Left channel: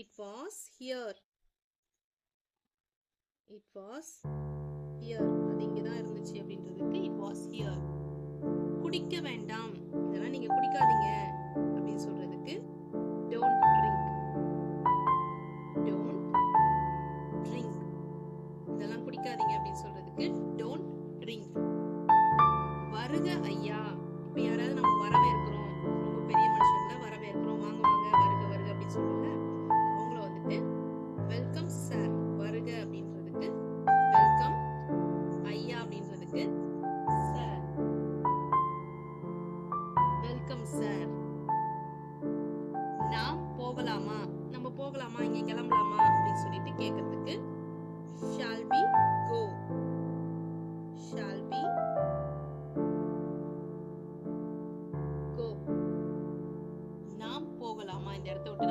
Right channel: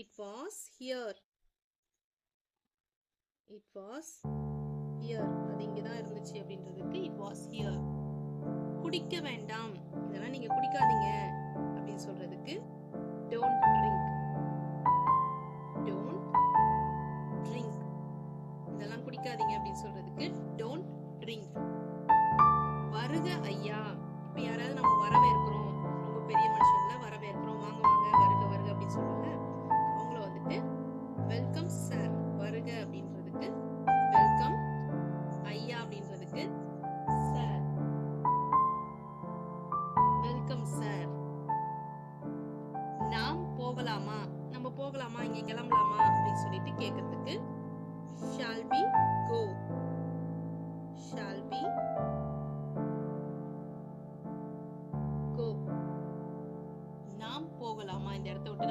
It was here. It was here. அது இங்க தான் இருந்துச்சு அப்படின்றதுக்கு it was here. குடிக்க வேண்டாம், இதெல்லாம் நீங்க குடிக்காதீங்க அப்படின்னு சொல்றதுக்கு don't drink. Don't drink. இதெல்லாம் குடிக்காதீங்க அப்படின்னு சொல்றதுக்கு don't drink. வருக ஐயா. இப்ப யாராவது நம்ம வரவேற்கிறோம், ரொம்ப பெரிய மனுஷங்களை வரவேற்கிறோம், வாங்க வாங்க வருக வருக அப்படின்னு சொல்லுவாங்க, அவங்கள வந்துட்டு வெல்கம் சார். வருக அப்படின்றதுக்கு வெல்கம், ஐயா அப்படின்றதுக்கு சார். Welcome sir. நாம் போகலாமா, நம்ம போகலாமா, இங்க கிளம்பலாமா அப்படின்னு சொல்லிட்டு கேட்கறதுக்கு shall we go. Shall we go. நாம் போகலாமா, இந்த இடத்த விட்டு